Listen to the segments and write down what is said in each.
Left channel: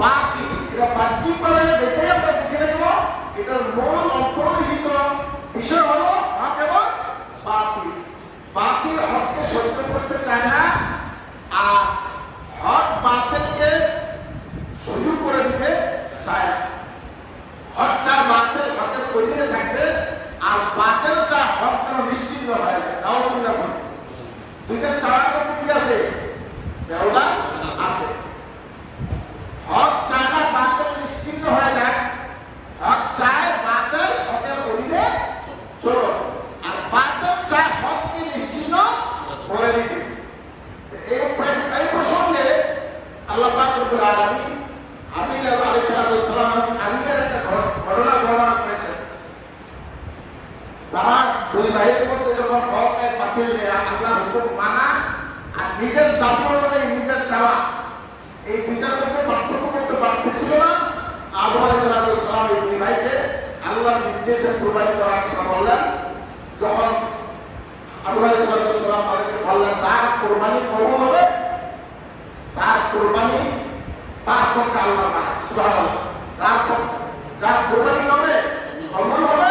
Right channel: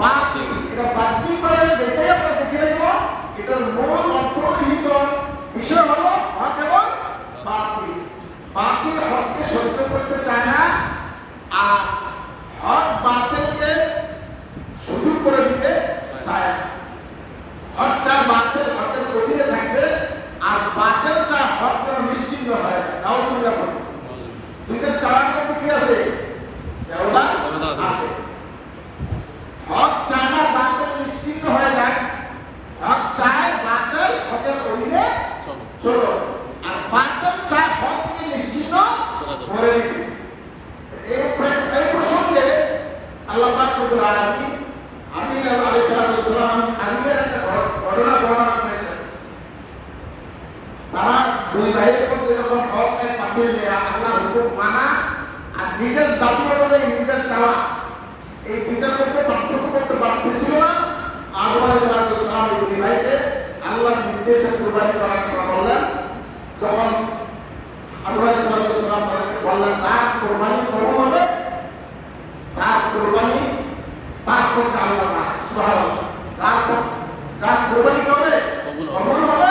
বাকি এটা বাকি করে যেটাই আমরা দেখে নেব এটার মূল অন্তর্নিহিত বিষয় হলো হক এবং বাতিল। বাতিল হককে সহ্য করতে চায় না, আর হক বাতিলকে সুযোগ করে দিতে চায় না। হক চায় বাতিল হকের অধীনে থাকবে, আর বাতিল চায় হক যেন নিশ্চিন্ন হয় না। নাউজুবিল্লাহ। দুইটা চাওয়ার মধ্যে কি আছে? ব্যবধান আছে। হক চায় না বাতিল নিশ্চিন্ন হয়ে যাক, হক চায় বাতিল হকের অধীনে চলো, আর বাতিল চায় হককে নিশ্চিন্ন করে দিতে। এই প্রসঙ্গে আল্লাহ পাক রব্বুল আলামিন আমিন আলাইহিস সালাম আলীর একটা ঘটনা বর্ণনা করেছেন। তারা দুই ভাইয়ের মধ্যে যখন হক বাতিল দেয়া আল্লাহর হুকুম মানা আর নিজের দাবি অনুযায়ী নিজের চাওয়া, এই দুইটার মধ্যে পার্থক্য করতে পারতেছিল না। আদম আলাইহিস সালাম এই দুই ভাইকে আল্লাহর নির্দেশে কুরবানি করার কথা বললেন। যখন আদম আলাইহিস সালাম তাদেরকে বললেন তার কুরবানি কবুল হবে, তার কুরবানি তার পক্ষে আল্লাহ না, সুবহানাল্লাহ, যার কুরবানি হবে কবুল হবে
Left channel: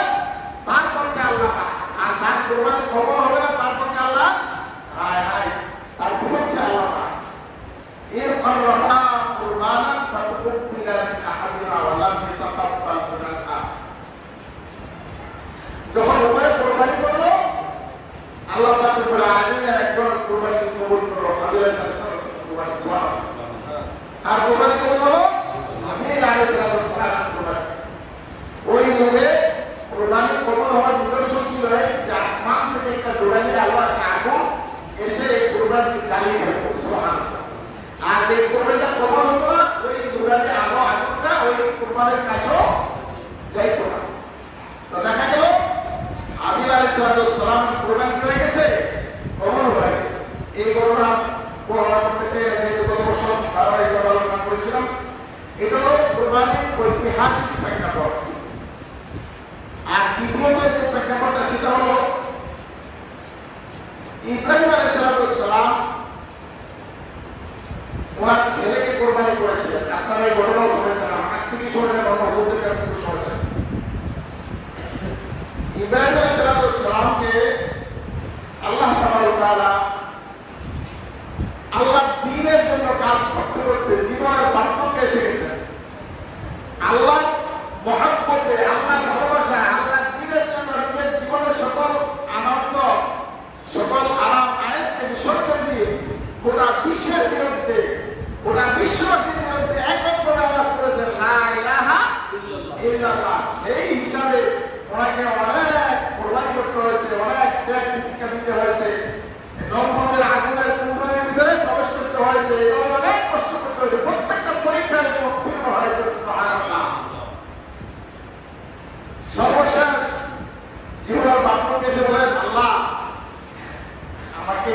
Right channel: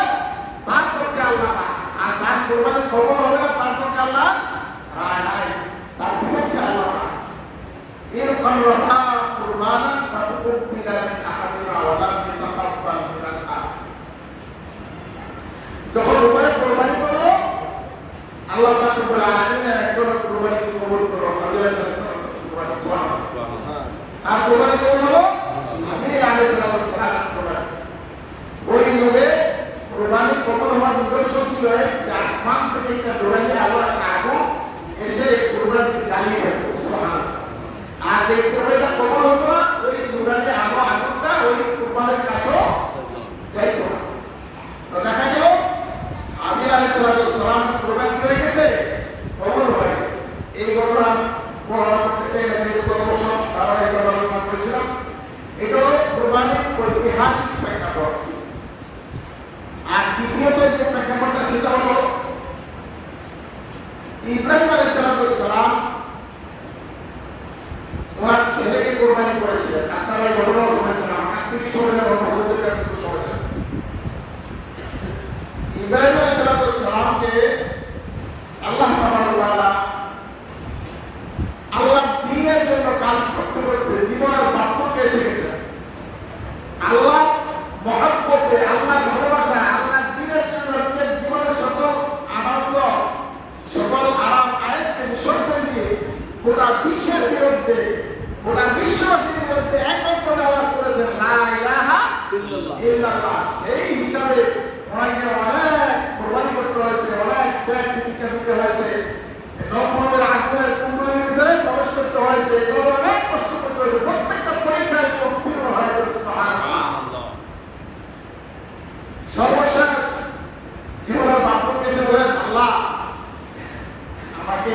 তার পক্ষে আল্লাহ না, আর তার কুরবানি কবুল হবে না তার পক্ষে আল্লাহ তার বিপক্ষে আল্লাহ না। এর কনরহা কুরবানা ফাতুবিলা মিন আহাদিনা ওয়া লাম ইয়াতাকাব্বাল মিনাল আখর। যখন উভয়ে কুরবানি করলো, আল্লাহ পাক রব্বুল আলামিন একজন কুরবানিকে কবুল করলো। তার কুরবানি কবুল হলো নবী আলাইহিস সালাম কুরবানি। ওই নবে কুরবানি কবুল হওয়ার নিদর্শন ছিল যে আসমান থেকে একটা কুরবানি আল্লাহ আগুন এসে কুরবানি জ্বালিয়ে দেবে, সুবহানাল্লাহ। আর এই কুরবানিটা কবুল হতো না, ওই কুরবানি আগুনটা ওই কুরবানির কাছেও যাইতো না। তো দেখা গেল আমির আলাইহিস সালাম কুরবানি কি হয়ে গেছে? কবুল হয়ে গেছে। এই ঘটনা করেছিলাম। এটা হলো কুরবানির ঐতিহাসিক প্রেক্ষাপট। আর দ্বিতীয়ত যে প্রেক্ষাপটটা সেটা হলো ইব্রাহিম আলাইহিস সালাম ওনার ছেলেকে কোরবানি করেছিলেন। আপনারা এই ঘটনা শুনেছেন, আমার কাছ থেকে শুনেছেন, বড়দের কাছ থেকে শুনেছেন। ইব্রাহিম আলাইহিস সালামকে আল্লাহ তাআলা আল্লাহ দ্বীনের জন্য কাজ করতে করতে জীবনের বার্ধক্যে এসে গেছে। আল্লাহ মহব্বতে, আল্লাহ ভালোবাসায়, আল্লাহ দ্বীনের জন্য নিজের জীবনের সকল আনন্দ, সকল আরাম আয়েশকে বিসর্জন দিয়ে গোটা বিশ্বের বিরুদ্ধে, গোটা বিশ্ববাসীর বিরুদ্ধে এককভাবে আওয়াজ করেছেন লা ইলাহা ইল্লাল্লাহ। সেই হিসাবে ওনাকে অনেক কোরবানি করতে হয়েছে, অনেক ত্যাগ প্রতিজ্ঞা দিতে হয়েছে, নমরুদের আগুনের কুণ্ডলীর ভিতরে প্রবেশ করতে হয়েছে, এগুলো অনেক কষ্ট করতে হয়েছে, প্রত্যেকটা পরীক্ষায় উত্তীর্ণ হয়েছে, সুবহানাল্লাহ। সর্বশেষ জীবনের বার্ধক্যে এসে বলেন আল্লাহ আমাকে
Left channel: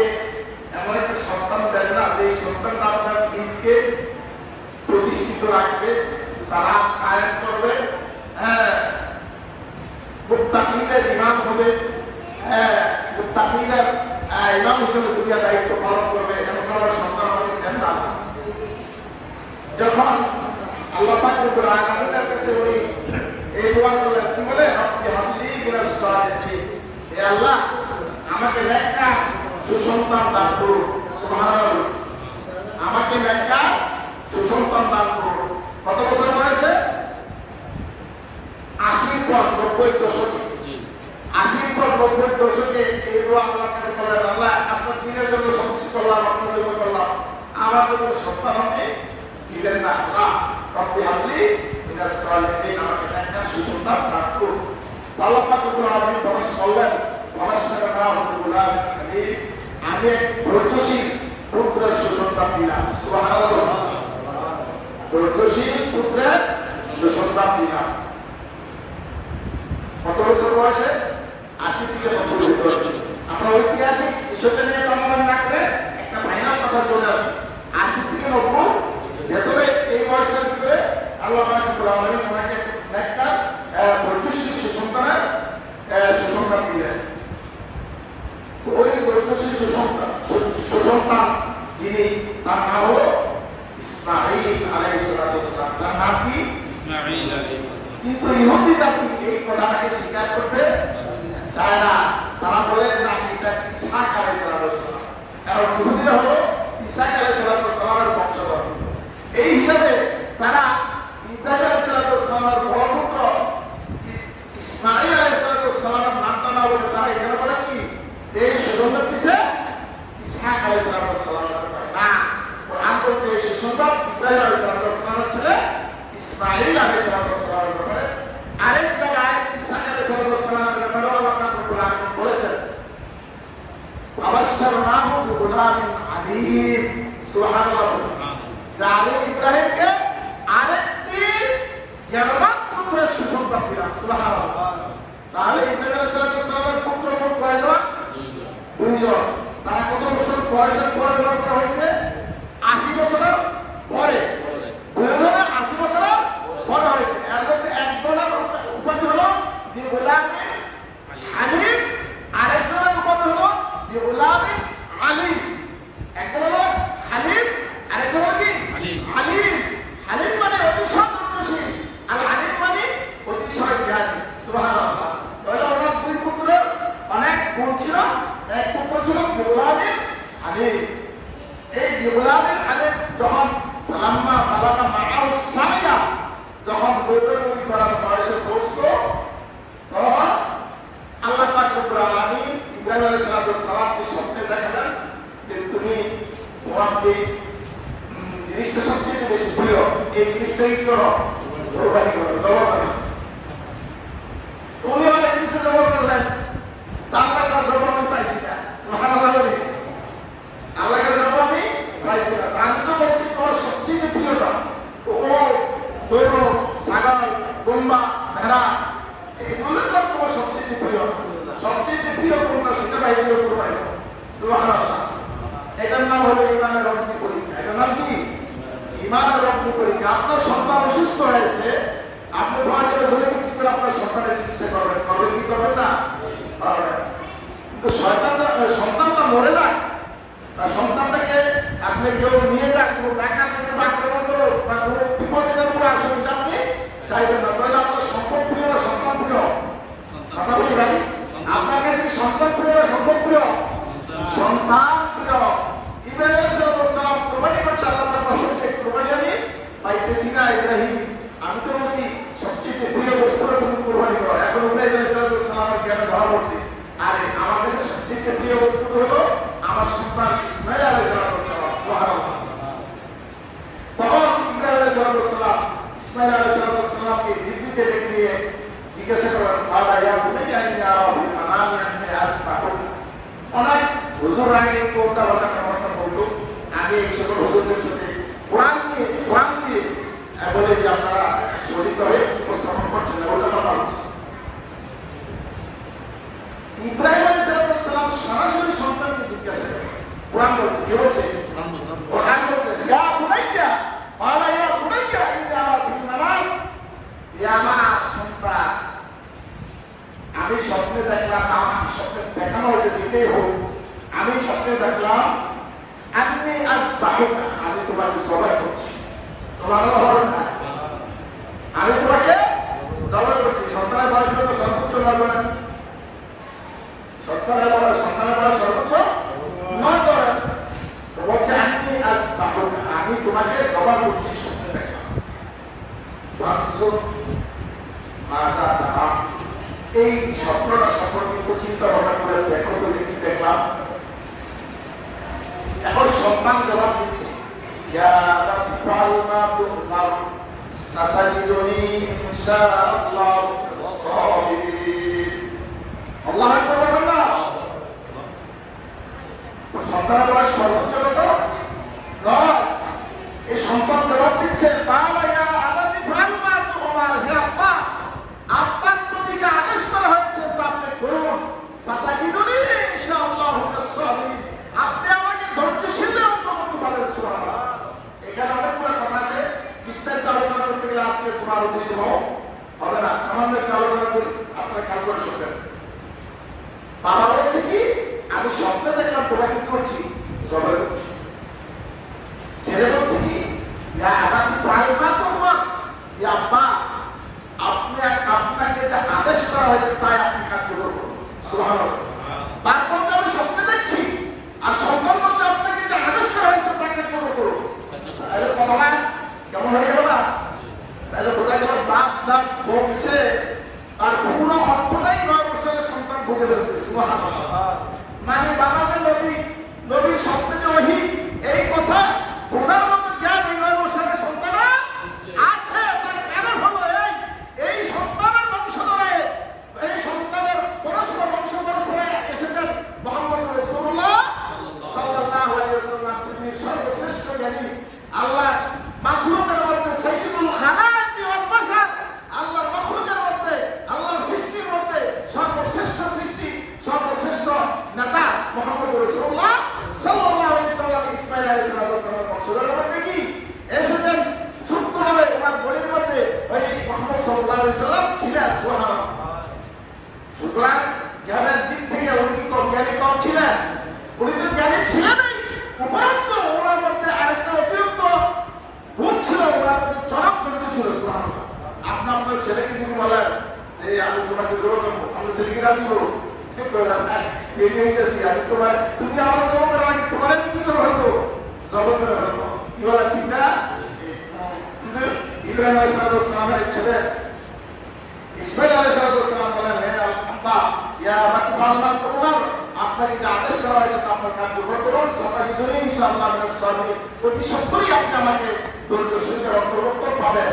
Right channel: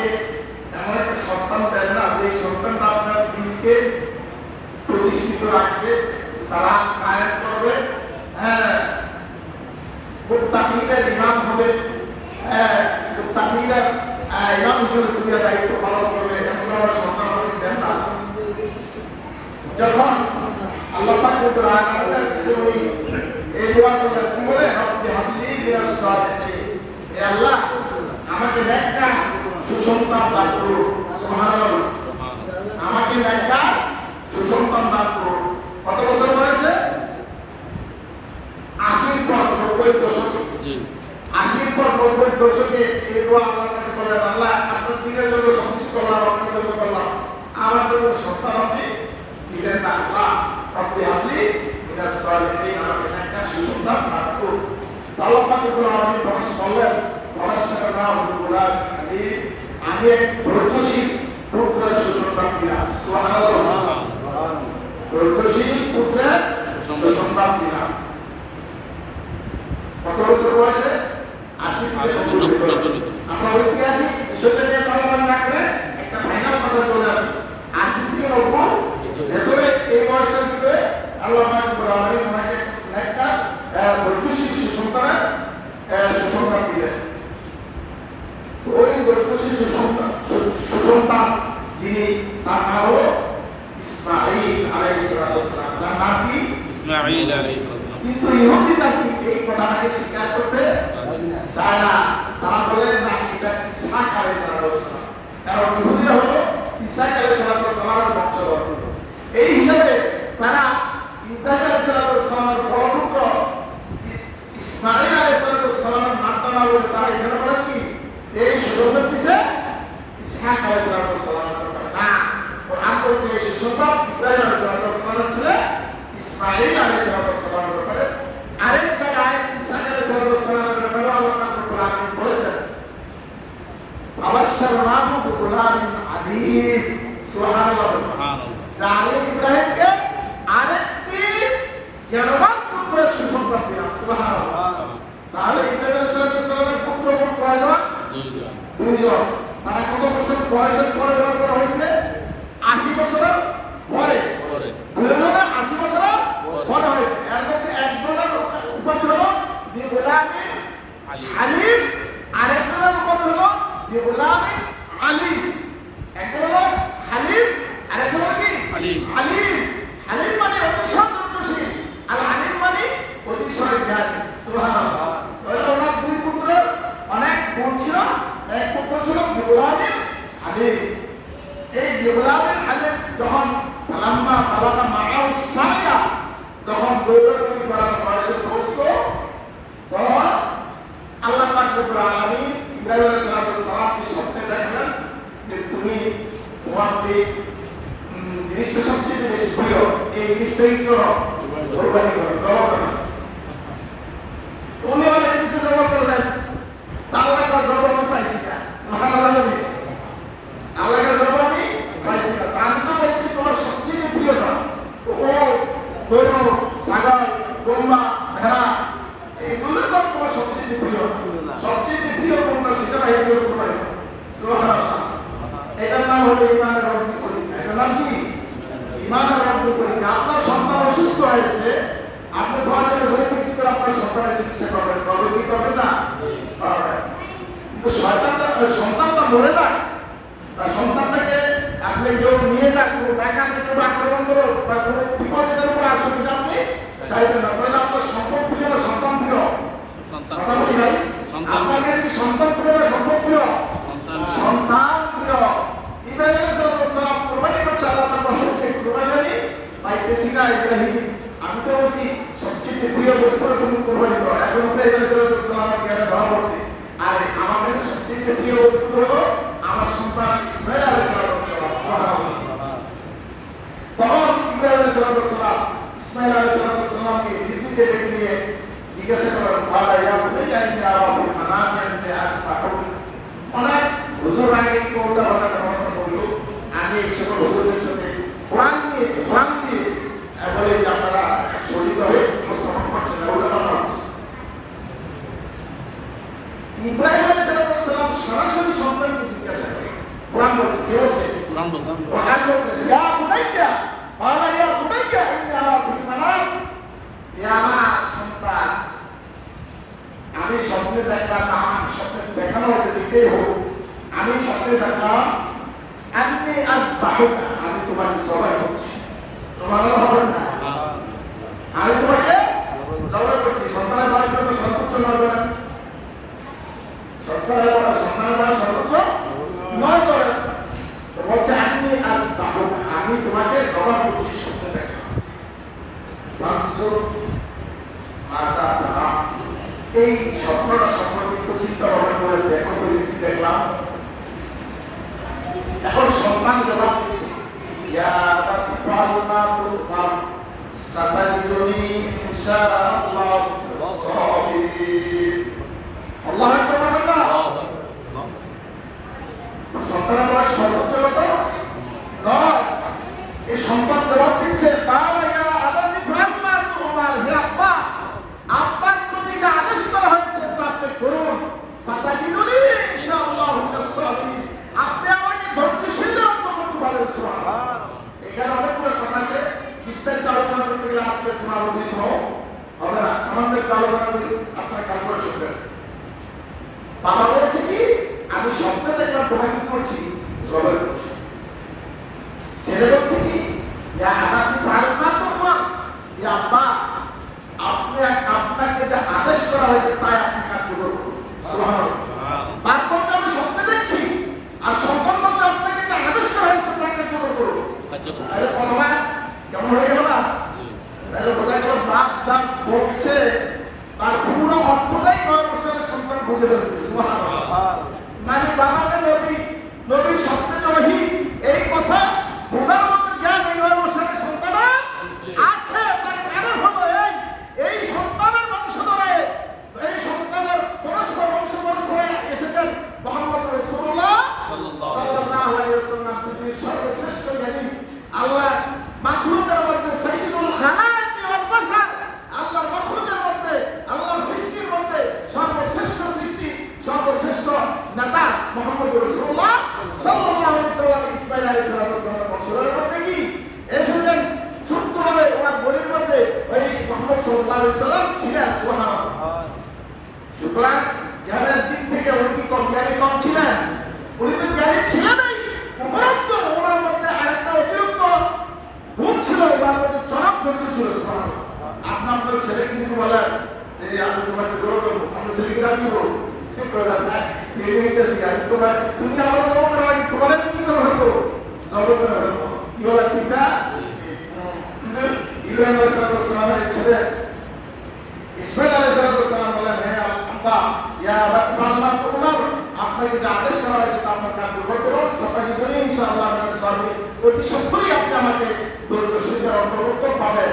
এমন একটা সন্তান দেন না যে সন্তানটা আপনার দিনকে প্রতিষ্ঠিত রাখবে, সালাত কায়েম করবে, মুত্তাকিদের ইমাম হবে, মুত্তাকিদের ইমাম হিসেবে দুনিয়া দায়িত্ব পালন করবে, এমন আমার সন্তান আমাকে দেন না। যখন আল্লাহ পাক রব্বুল আলামিনের কাছে উনি এই দোয়া করলেন, কি বলে? রব্বি হাবলি মিনাস সালিহিন, হে আল্লাহ আমাকে নেককার সুসন্তান দান করুন, সুবহানাল্লাহ, আমাকে নেককার সুসন্তান দান করুন। কত বছর বয়সে? 80 পর 90 দশকে, 80 পর 90 দশকে এই দোয়া আল্লাহর কাছে করলেন, আল্লাহ আপনার দিনের জন্য সন্তুষ্ট করলাম, আপনার জন্য করলাম, আমার জন্য সন্তান আপনি দিলেন না। আল্লাহ রব্বি হাবলি মিনাস সালিহিন, আমাকে নেককার সুসন্তান দান করুন। আল্লাহ পাক রব্বুল আলামিন বললেন আমি এক ধৈর্যশীল পুত্রের সুসংবাদ দিলাম, সুবহানাল্লাহ, ধৈর্যশীল পুত্রের সুসংবাদ দিলাম। কত বছর বয়সে? 80 থেকে 90। আমরা ঐতিহাসিক বিষয়টা নিয়ে আলোচনা না করে একটা ফাইনাল কথা চলে আসি। 80 থেকে 90 ভেতরে এই বয়সের ভিতরে আল্লাহ পাক রব্বুল আলামিন আমাকে নেককার ধৈর্যশীল সুসংবাদ দিলেন। ওই ধৈর্যশীল সুসন্তান যিনি, তার নাম হলো ইসমাঈল আলাইহিস সালাম। তার নাম কি? ইসমাঈল আলাইহিস সালাম। কিন্তু ইহুদি জাতি এই কথাটাকে স্বীকার করতে চায় না। তারা বলে না এটা ইসহাক আলাইহিস সালাম, কারণ ইহুদিরা হলো ইসহাক আলাইহিস সালামের বংশধর। এই হিসাবে তারা ইব্রাহিম আলাইহিস সালামের ফলপুত্র ইসমাঈল আলাইহিস সালামের নামটা না বলে তারা এখানে বলে কি এই সুযোগ দিছে ইসহাক আলাইহিস সালামের না। কোরআন বলছে এই সুসন্তান ইব্রাহিম আলাইহিস সালামের ছেলে ইসমাঈল আলাইহিস সালামের ব্যাপারে। আরেক জায়গায় ইসহাক আলাইহিস সালামের ব্যাপারে আল্লাহ তাআলা বলেছেন ওয়াবাশশারনাহু বিগুলামিন আযীম। সুবহানাল্লাহ। আমি ইব্রাহিমকে আরেকটি জ্ঞানবান পুত্রের সুসংবাদ দিলাম। সুবহানাল্লাহ। তাহলে ইব্রাহিম আলাইহিস সালামের পুত্র কোন কয়জন? দুইজন। তারা কত বছর বয়সের পরে বড় করা হয়েছে? 80 বছরের পরে। দুইজনে 80 বছরের বড় হয়েছে। এর মধ্যে একজনের উপাধি হলো বিগুলামিন আলীম, আরেকজনের উপাধি হলো বিগুলামিন আলীম। একজন হলো হালিম, আরেকজন হলো কি আলীম। হালিম মানে অতিশয় ধৈর্যশীল, আর আলীম মানে অতিশয় জ্ঞানী। সুবহানাল্লাহ। তাহলে ওনার দুই পুত্রের অনেক গুণ ছিল। এক পুত্র ছিল বিগুলামিন আলীম। এই বিগুলামিন আলীম যখন লাম্মা বালাগা মাআউ সায়া, যখন দৌড়াদৌড়ি করার বয়সে পৌঁছলো, তখন আল্লাহ পাক রব্বুল আলামিন ইব্রাহিম আলাইহিস সালামকে স্বপ্নে দেখালেন যে তুমি তোমার যে জিনিসটা সবচেয়ে বেশি প্রিয় এই জিনিসটাই করো, কোরবানি করো, জবাব করো। উনি অনেক কিছু জবাব করলেন, আল্লাহ একটা জবাব আমি পাইছি না। সুবহানাল্লাহ। আল্লাহকে জবাব আমি পাইছি না। আমি তো বলছি তোমার সবচেয়ে প্রিয়টা ও গরু, ছাগল, গম্বা, ভেড়া, এগুলো তো তোমার সবচেয়ে প্রিয়। সবচেয়ে প্রিয় কোনটা সেটা বাইরে করতে পারি। সুবহানাল্লাহ। এটার নাম হলো ঈমানের অগ্নি পরীক্ষা। এটার নাম কি? ঈমানের অগ্নি পরীক্ষা। আপনার সন্তান অসুস্থ হয়েছে, আপনি প্রয়োজনে জমি বিক্রি করে আপনার সন্তানের চিকিৎসা করবেন, করবেন কি করবেন না? কিন্তু সন্তানটা মরে যায়, সন্তানটাকে আপনি কেউ নিয়ে যাক, কোনো টাকা দিতে আক্রমণ করো বা কোনো বিপদের কোনো অসুবিধা আপনি চাইবেন না। তাহলে আপনার সম্পদ প্রিয় না সন্তান প্রিয়? কথা বলি ভাই, আপনার কাছে কি সন্তান প্রিয় না সম্পদ প্রিয়? সন্তান প্রিয়। ইব্রাহিম আলাইহিস সালাম কুরবানি করছে, আল্লাহর বছর যে কুরবানি আমি পাইতেছি না। ইব্রাহিম, আমি তো বলছি সবচেয়ে প্রিয় বস্তু তুমি কুরবানি করো। এখন ইব্রাহিম আলাইহিস সালামের জ্ঞানে ধরা পড়ছে, আরে আমার কাছে সবচেয়ে প্রিয় বস্তু হলো আমার সন্তান ইসমাঈল আলাইহিস সালাম। সুবহানাল্লাহ। তখন ইব্রাহিম আলাইহিস সালাম ইসমাঈল আলাইহিস সালামকে দিল্লিতে ডেকে নিয়ে জিজ্ঞাসা করেন, বাবা ইয়া বুনাইয়া ইন্নী আরা ফিল মানামি আন্নী আযবাহুক। অনেক হুজুর আগে কোনটা কথা বলতো, আমি একসাথে হুজুরের সাথে কোরআন দিয়ে বলে যে আপনারা শরীর করে উপস্থাপন করছেন না, ওটা কথা হচ্ছে। ইব্রাহিম আলাইহিস সালাম সরাসরি সন্তানকে জিজ্ঞাসা করে, কোরআন বলছে, কে বলছে? কোরআন বলছে ইয়া বুনাইয়া বাবা ইয়া বুনাইয়া ইন্নী আরা ফিল মানামি, ইয়া আমার সন্তান, আমি স্বপ্নে দেখলাম, আমাকে স্বপ্নে দেখানো হয়েছে, দিতেই হোক, আমি স্বপ্নে দেখলাম আন্নী আযবাহুক, আমি তোমাকে জবাই করছি। সুবহানাল্লাহ। আমি তোমাকে জবাই করছি। সন্তানের বয়স কত? সর্বোচ্চ 9 বছর। সন্তানের বয়স সর্বোচ্চ 9 বছর। তো বলছে আন্নী আযবাহুক, আমি তোমাকে জবাই করছি স্বপ্নে দেখলাম। এই স্বপ্নটা সম্পর্কে চিন্তা ভাবনা করে দেখো তো কি দেখলাম। এখন সম্মান জবাব দিচ্ছে, ইয়া রাব্বি ফাল মা তুকাল সাতাজিদুনি ইনশাআল্লাহ সাবিরিন। আল্লাহু আকবার বলবেন না? সন্তানের বয়স সর্বোচ্চ কত? 9। এই সম্পদ জবাব দিচ্ছে, বাবা ইয়া আবাদি ফাল মা তুমার, হে আব্বা, আপনার প্রতি যে আদেশ করা হয়েছে তা আপনি করুন। সাতাজিদুনি ইনশাআল্লাহ সাবিরিন, আপনি আমাকে ধৈর্যশীলদের অন্তর্ভুক্ত পাবেন। সুবহানাল্লাহ। এখানে অনেকগুলো কথা আছে, বিস্তারিত আলোচনা করতে গেলে আজকে তোমার অধীন হবে না। সামান্য একটা আলোচনা করি, আপনার কাজগুলো শুনবেন। বাবা বলছে কি, আমি স্বপ্নে দেখলাম তোমাকে কি করছি, জবাই করছি। ছেলে বলছে কি, ইয়া আবাদি ফাল মা তুমার, যে আব্বা আপনাকে যে আদেশ করা হয়েছে তাই আপনি কার্যকর করুন। তারপর আমি স্বপ্নে দেখছি আর সন্তান বলছে আপনাকে যে আদেশ করা হয়েছে তা কার্যকর করুন। কথা কেমন হয়ে গেল না? তাহলে বোঝা গেল বাপ যা বলছে তার পুরো অর্থটাই 9 বছরের সন্তান বুঝে ফেলছে। মানে বাবা যে নবীর স্বপ্নে যে ওহী, এই কথা বোঝার মতো জ্ঞান এই 9 বছরের সন্তানের আছে। তার কারণ হলো এই সন্তানের বংশধরে, এই সন্তানের পরস্পর পরস্পরে এসেছেন মুহাম্মদ রাসূলুল্লাহ সাল্লাল্লাহু আলাইহি ওয়াসাল্লাম, পৃথিবীর সর্বশ্রেষ্ঠ জ্ঞানী, আল্লাহর মাখলুকের মধ্যে সাইয়্যিদুল খালাইকি ওয়াল বাশার, আল্লাহর মাখলুকের মধ্যে, আল্লাহর সৃষ্টির মধ্যে সর্বশ্রেষ্ঠ সৃষ্টি, সর্বশ্রেষ্ঠ নেতা মুহাম্মদ রাসূলুল্লাহ সাল্লাল্লাহু আলাইহি ওয়াসাল্লাম ইসমাঈল আলাইহিস সালামের বংশধরের মধ্যে কি এসেছেন? সূক্ষ্মভাবে ওনার বডির মধ্যে ওই মুহাম্মদ সাল্লাল্লাহু আলাইহি ওয়াসাল্লাম ছিলেন। সুবহানাল্লাহ। সুতরাং জ্ঞানের দিক থেকে উনি কি কম ছিলেন? উনি তো জ্ঞানী ছিলেনই, উপরন্তু ওনার মধ্যে আরেকটা অতিরিক্ত গুণ ছিল, ওনার মধ্যে চরম ধৈর্য ছিল। সুবহানাল্লাহ। আপনার ছেলেকে যদি বলেন যে আমি তোমাকে জোর করবো, আপনার ছেলেকে রাজি করবো, ঠিক করে দেন না, তুমি আমার জবাব করার আগে তোমার কি করে ফেলবো? জবাব করে ফেলবো। কি বলেন ঠিক না? ইব্রাহিম আলাইহিস সালামের ছেলে ইসমাঈল আলাইহিস সালাম বলেন, হে আল্লাহ, ইয়া রাব্বানা উমর, আপনাকে যে আদেশ করা হয়েছে তা আপনার কার্যকর করুন। সকালে ধরে ইনশাআল্লাহ আপনার সর্বে অতি সত্তরই আপনি আমাকে দরিদ্র সুখের অন্তর্ভুক্ত পাবেন।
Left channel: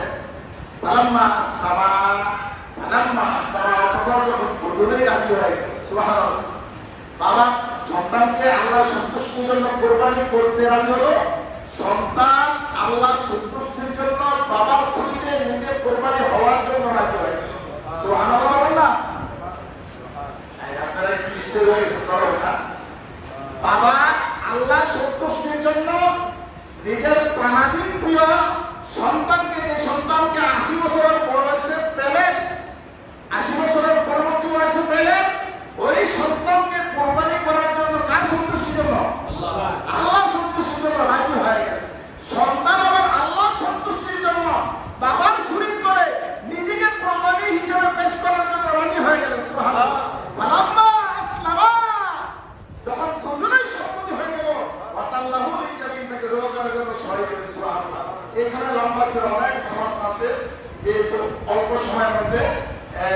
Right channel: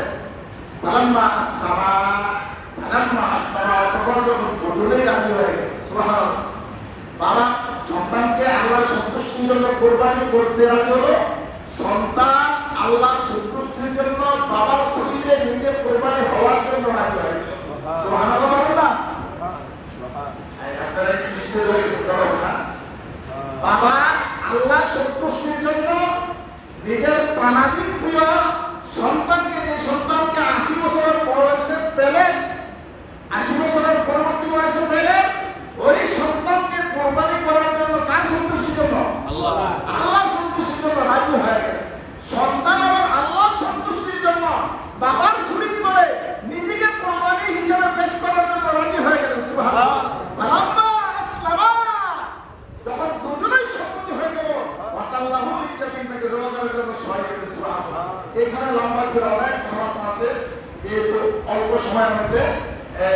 ফালাম্মা আসলামা অতঃপর যখন দুজনেই রাজি হয়ে গেল। সুবহানাল্লাহ। বাবা সন্তানকে আল্লাহর সন্তুষ্টির জন্য কোরবানি করতে রাজি হলো, সন্তান আল্লাহর সন্তুষ্টির জন্য বাবার শরীরে নিজে কোরবানি হওয়ার জন্য রাজি হয়ে গেল। সুবহানাল্লাহ। বাবা আল্লাহ সন্তুষ্টির জন্য নিজের প্রাণাধিক প্রিয় সন্তানকে, যে সন্তানকে 80 বছরের বয়সে পেলেন, 80 বছরের পরবর্তী বয়সে পেলেন, ওই সন্তানকে কোরবানি করার জন্য কার সন্তুষ্টির জন্য? আল্লাহ সন্তুষ্টির জন্য রাজি হয়ে গেলেন। সন্তান আবার আল্লাহ সন্তুষ্টির জন্য বাবার শরীর ধরে নিজেকে কোরবানি হিসেবে পেশ করার জন্য রাজি হয়ে গেলেন। সুবহানাল্লাহ। ফালাম্মা আসলামা, যখন দুজনেই সম্মতি হয়ে গেল, ওয়াতাল্লাহু লিল-জাবিন, জবাব করার জন্য সবাই গেলেন। সুবহানাল্লাহ। এখানে লম্বা করে অনেক আমার আছে, যেহেতু অল্প সময়ের মধ্যে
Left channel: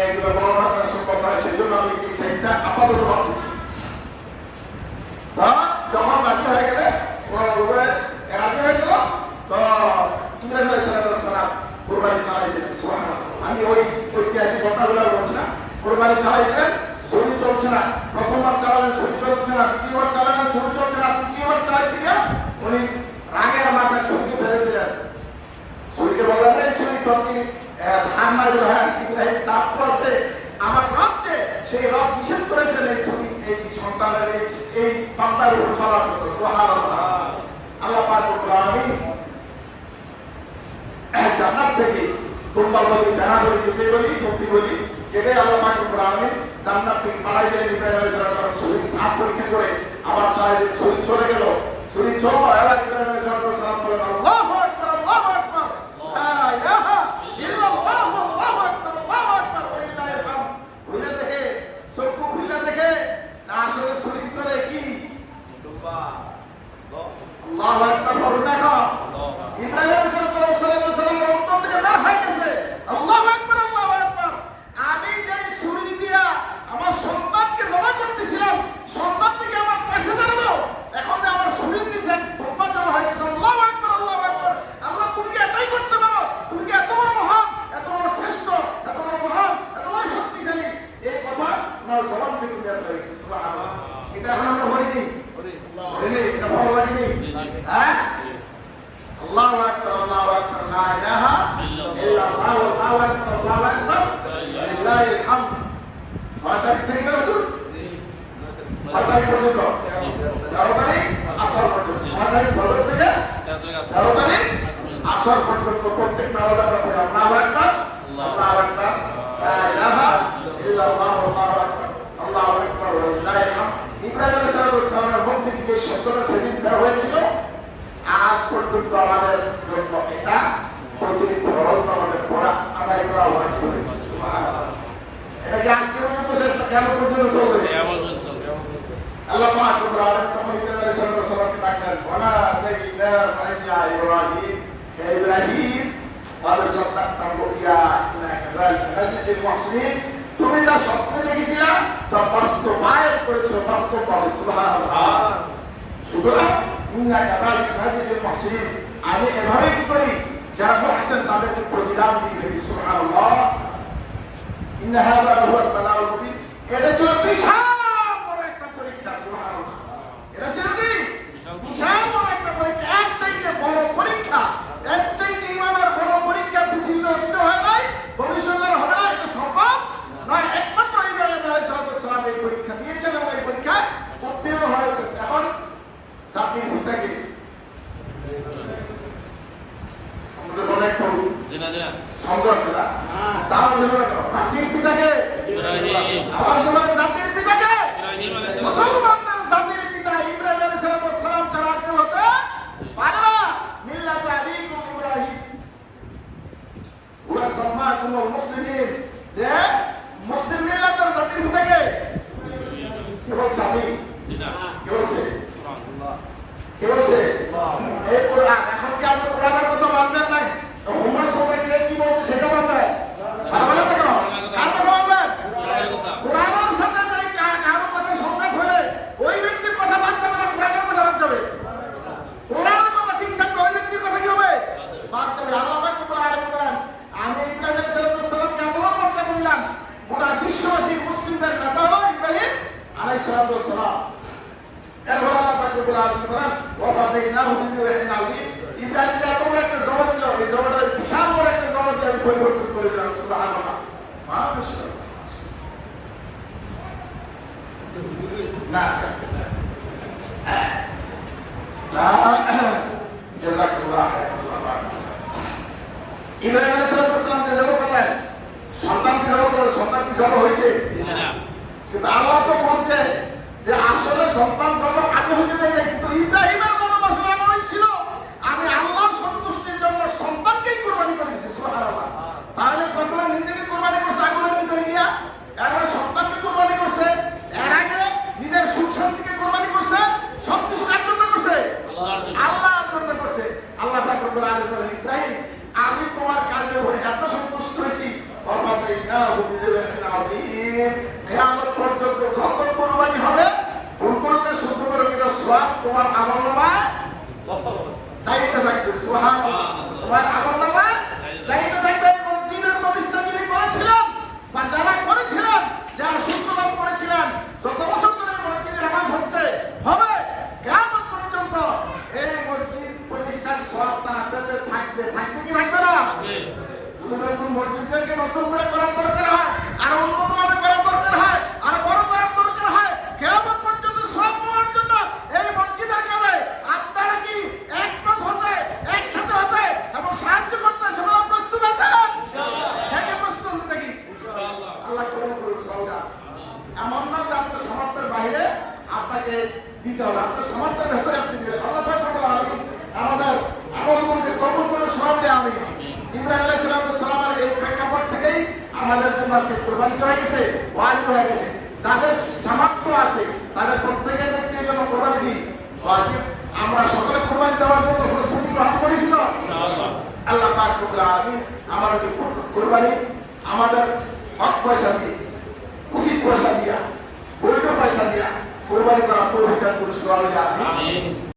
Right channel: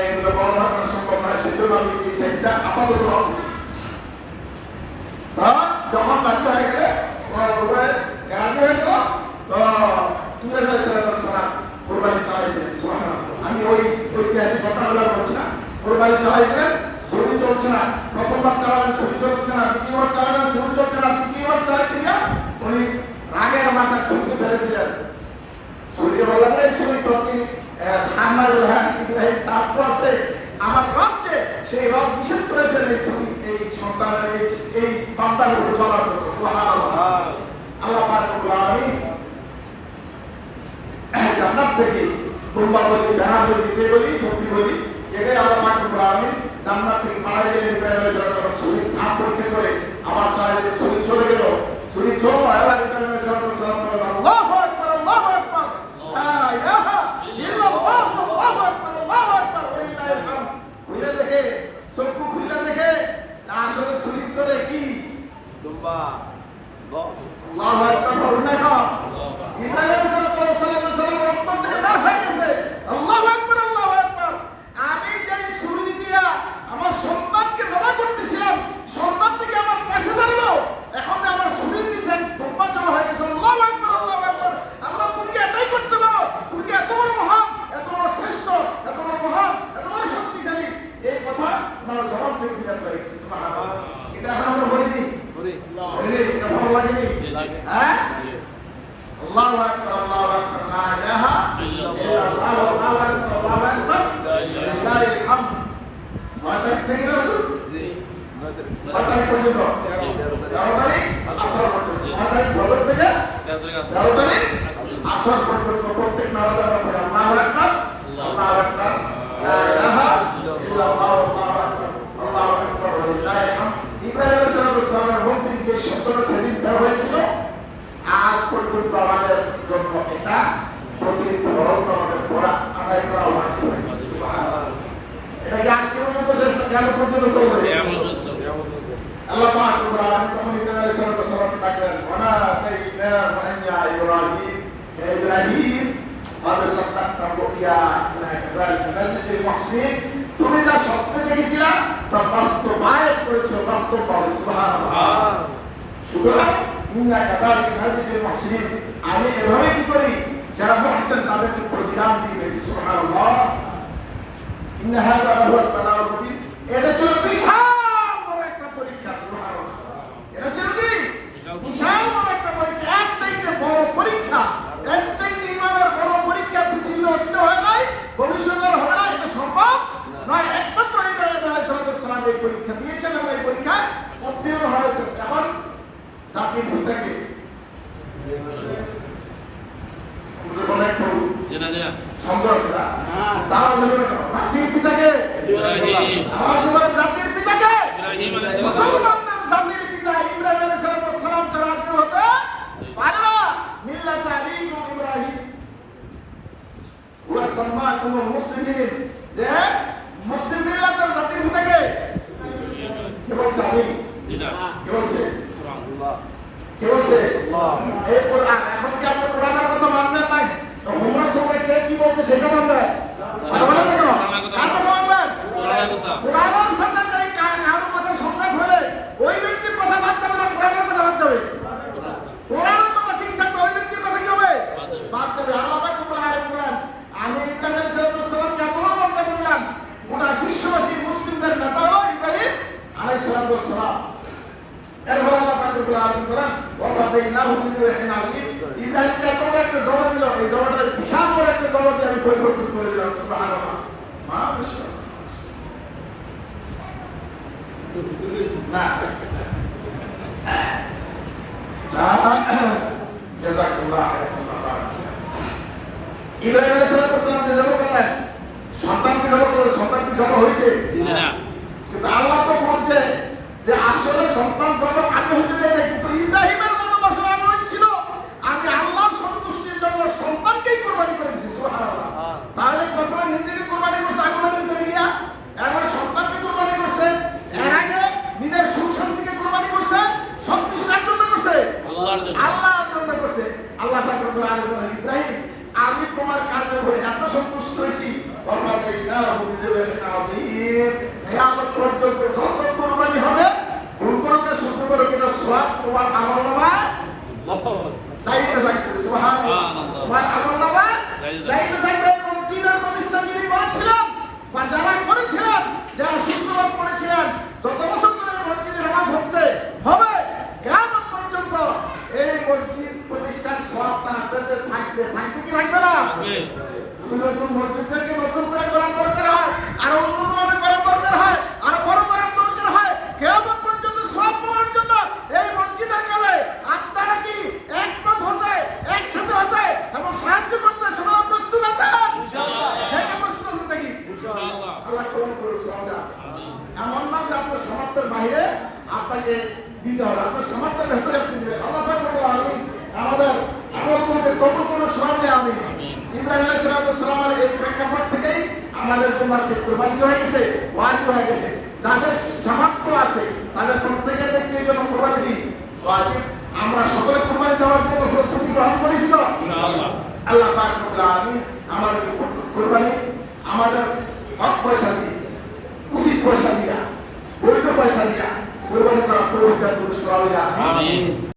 এগুলো বর্ণনা করা সম্ভব নয়, সেজন্য আমি এই সাইডটা আপাতত ভাবছি। যখন রাজি হয়ে গেলে, ওনার দুবাই রাজি হয়ে গেল, তো ইব্রাহিম আলাইহিস সালাম কোরবানি চালাই দিলেন। সুবহানাল্লাহ। আমি ওই ঐতিহাসিক ঘটনাগুলো বলছি না, কোরবানি চালাই দিলেন, শরীর চলছে না। প্রথমবার চালালেন, শরীর চলছে না। দ্বিতীয়বার চালালেন, শরীর চলছে না। তৃতীয়বার চালাই দিলেন, উনি রাগের মাথা ছুটকে ফেলে দিলেন। শরীরকে বললেন না, শরীর তর্কি ঠান্ডা গুলো হয় ইব্রাহিম, তারপর আছে আমার রব, যে সেই রব নিষেধ করেছেন এই সন্তানের এই বান্দাগুলো চলার জন্য। সুবহানাল্লাহ। আল্লাহ পাক রব্বুল আলামিন জান্নাত থেকে দুম্বা বলি, ভেড়া বলি, দিতে বলি, মুক্তি বলি, এটাই আল্লাহ পাক রব্বুল আলামিন জান্নাত থেকে পাঠাই দিলেন। ইব্রাহিম আলাইহিস সালাম শরীর হাত পরীক্ষা করে আমার চাই শরীর চলে গেল, শরীর চললো। এবার ইব্রাহিম আলাইহিস সালাম বলেন, আল্লাহু আকবার, আল্লাহু আকবার, লা ইলাহা ইল্লাল্লাহ, আল্লাহু আকবার, আল্লাহু আকবার, ওয়ালিল্লাহিল হামদ। খুলে দেখে, চক্ষু খুলে দেখে আসলে শরীর তোলে কি? আল্লাহু আকবার বলুন না। ইব্রাহিম আলাইহিস সালাম অন্তর থেকে বের হয়ে গেছে, আল্লাহু আকবার, আল্লাহু আকবার। আমি যেই ছুরি দিয়া আমার সন্তানকে জমা করতেছিলাম, সন্তান থেকে আমার পাশে দাঁড়ালো, এখন আমার শরীর নিচে ধুম্বা জমা হয়ে গেছে। আল্লাহু আকবার, আল্লাহু আকবার। আল্লাহ, তুমি কি এটাই করতে পারো? তুমি কি এত বড় মহান, এত বড় শ্রেষ্ঠ, এত বড় মহান, এত বড় শক্তিশালী? এই কথা আমার জবাব থেকে বের হয়ে গেছে। সুবহানাল্লাহ। এটা এখন আমরা বলিনি, এটা ভালো লাগেনি? হ্যাঁ, আল্লাহু আকবার, আল্লাহু আকবার, লা ইলাহা ইল্লাল্লাহ, আল্লাহু আকবার, আল্লাহু আকবার, লিল্লাহিল হামদ। মাথায় ঠিক না? মাথায় পর্যন্ত দারবারি আসর পর্যন্ত, মাথায় ফজর থেকে দারবারি আসর পর্যন্ত প্রত্যেক নামাজ আমরা পড়ি আল্লাহু আকবার, আল্লাহু আকবার, লা ইলাহা ইল্লাল্লাহ, আল্লাহু আকবার, আল্লাহু আকবার, লিল্লাহিল হামদ। ইব্রাহিম আলাইহিস সালামের মুখ থেকে যে শব্দটা সেদিন বের হয়েছিল, আজ পর্যন্ত আমাদের জন্য এটা প্রতিনিধিত্ব আমাদের এটা কি আজকে পর্যন্ত শেষ না কেমন পর্যন্ত চলবে? আল্লাহ পাক রব্বুল আলামিন তখন ইব্রাহিম আলাইহিস সালামকে ডাকলেন, ওয়ানা তাইনা ফাইয়া ইব্রাহিম, হে ইব্রাহিম قد صدقت الرؤيا إنا كذلك نجزي المحسنين। তুমি যা স্বপ্ন দেখেছিলা তা বাস্তবায়ন করেছিল বাস্তবভাবে। সুবহানাল্লাহ। সুতরাং ইন্না কাযালিকা নাজজিল মুহসিনিন, আমি এভাবে কি করি যারা মুহসিন তাদেরকে প্রতিদান দিয়ে থাকি। সুবহানাল্লাহ। ইন্না হাযা লাহুয়াল বালাউল মুবিন, এটা ছিল বিশাল বড় একটা পরীক্ষা। সুবহানাল্লাহ। এটা ছিল কি বিশাল বড় একটা পরীক্ষা, এর চাইতে বড় পরীক্ষা, এর চাইতে ইমানের বড় পরীক্ষা পৃথিবীতে অতীত হয় নাই, ভবিষ্যতে হবে না, এটা সম্ভব নয়। একমাত্র ইব্রাহিম আলাইহিস সালাম এই পরীক্ষা দিয়েছেন এবং এই পরীক্ষায় উত্তীর্ণ হয়েছে। এখন জাতির পিতাকে সন্দেহ আছে না, তাও জাতির পিতাকে আমার জীবনের জাতির পিতাকে মুসলমানদের জাতির পিতা ইব্রাহিম আলাইহিস সালাম ছাড়া আর কেউ হতে পারে না। মিল্লাত আবিকুম ইব্রাহিম ওয়া সাম্মাকুমুল মুসলিমিন, যে মুসলিম মিল্লাতের জাতির পিতাকে কে বলছে? আমি কে বলছে? কে বলছে? এই কোরআন। এখন কি আপনি কোরআনের কথা মানবেন নাই? উমরা সূরা কে কি বলছে সেটা মানবেন? কথা বলেন না কেন? কার কথা মানবেন? কোরআনের সাথে যে কারো কথা সংঘাত হলে ওই ব্যক্তির কথা বাদ যাবে না, কোরআনের কথা বাদ যাবে। কোরআনের কথা ঠিক থাকবে, ওই ব্যক্তির কথা কি হবে? বাদ যাবে। আল্লাহ পাক বলেন, আমি ইব্রাহিম আলাইহিস সালামকে এত বড় মর্যাদা দিলাম, গোটা বিশ্ববাসী মুসলিমদের নেতা হলো ইব্রাহিম আলাইহিস সালাম। এরপর আল্লাহ পাক বলেন, ওয়াফাদাইনাহু বিযিবহিন আযীম, ইব্রাহিমকে এত বড় একটা জবাব দিল, এই জবাবটা বিশাল বড় একটা জবাব দিয়ে আমি পরিবর্তন করে দিলাম। সুবহানাল্লাহ। মাশাআল্লাহ। না জাযাকাল্লাহ। ইব্রাহিম আলাইহিস সালাম যে জবাব করলেন, সন্তান কি জবাব করলেন? সন্তান কি জবাব হয়েছে? না। কিন্তু আল্লাহ তো বলছে যে আসলে সন্তান জন্ম আগে হতে দেয় না, কিন্তু ইব্রাহিমের মনোবাসনা এমন ছিল, আমি আল্লাহর সন্তুষ্টির জন্য সন্তানকেই কুরবানি করে দিয়েছি। সুবহানাল্লাহ। তাহলে প্রথমে নিজেকে কুরবানি করছে আগুনের ভিতরে গিয়া, এরপর সন্তানকে কুরবানি করছে, এর আগে নিজের সুখ শান্তিকে কুরবানি করছে, সবকিছু কার জন্য করছে? আল্লাহর জন্য। আল্লাহর জন্য করছে। আল্লাহ পাক রব্বুল আলামিন বলেন, ইব্রাহিম আমি তোমার কাজের উপরে এত সন্তুষ্ট হয়েছি, কিয়ামত পর্যন্ত যত কুরবানি হবে, ভুল করো না শুদ্ধ করো, এটা সওয়াব তোমার আমলনামায় যাইতে থাকবে। সুবহানাল্লাহ। তোমার আমলনামায় যাইতে থাকবে। মসজিদের প্রতিষ্ঠা যিনি করেছিলেন বা যারা করেছিলেন, যারা শুক্রবার করেছিলেন, যত বছর ধরে মসজিদে নামাজ হচ্ছে হবে, কিয়ামত পর্যন্ত এই মসজিদ প্রতিষ্ঠার সওয়াব তারা পেতে থাকবে। থাকবে কি থাকবে না? নতুন মসজিদকে নতুন করে করার দরকার হয়, আর উন্নত মানের করার দরকার হয়, আর বড় করার দরকার হয়। কিয়ামত পর্যন্ত সব পাওয়ার জন্য এই মসজিদের কাজে আপনারা কি একমত হতে, একসাথে হতে এবং সাহায্য করতে সকলে প্রস্তুত আছেন? ইনশাআল্লাহ। প্রস্তুত আছেন নাকি? ইনশাআল্লাহ। আল্লাহ কবুল করুন। এমন না যে আপনার সামর্থ্যের বাইরে আপনাকে দিতে হবে, আপনার সামর্থ্যের ভেতরে আপনি দিবেন। আল্লাহ পাক রব্বুল আলামিন আমাদের আমলগুলোকে কবুল করুন। সবাই আমিন। ইব্রাহিম আলাইহিস সালামের এই প্রেক্ষাপট থেকেই আমাদের জন্য আজকে কুরবানি হয়ে গেছে, ওয়াজিব হয়ে গেছে। যাদের সামর্থ্য আছে তাদের প্রত্যেকের ব্যক্তির জন্য কুরবানি দিই ওয়াজিব। আমরা সকলে কুরবানি দেওয়ার জন্য প্রস্তুতি গ্রহণ করেছি তো ইনশাআল্লাহ। আল্লাহ পাক রব্বুল আলামিন আমাদেরকে কুরবানি আমাদের হক পয়সা দিয়ে, উচিত পয়সা দিয়া, বৈধ পয়সা দিয়া কুরবানি করার তৌফিক দান করুন। সবাই আমিন।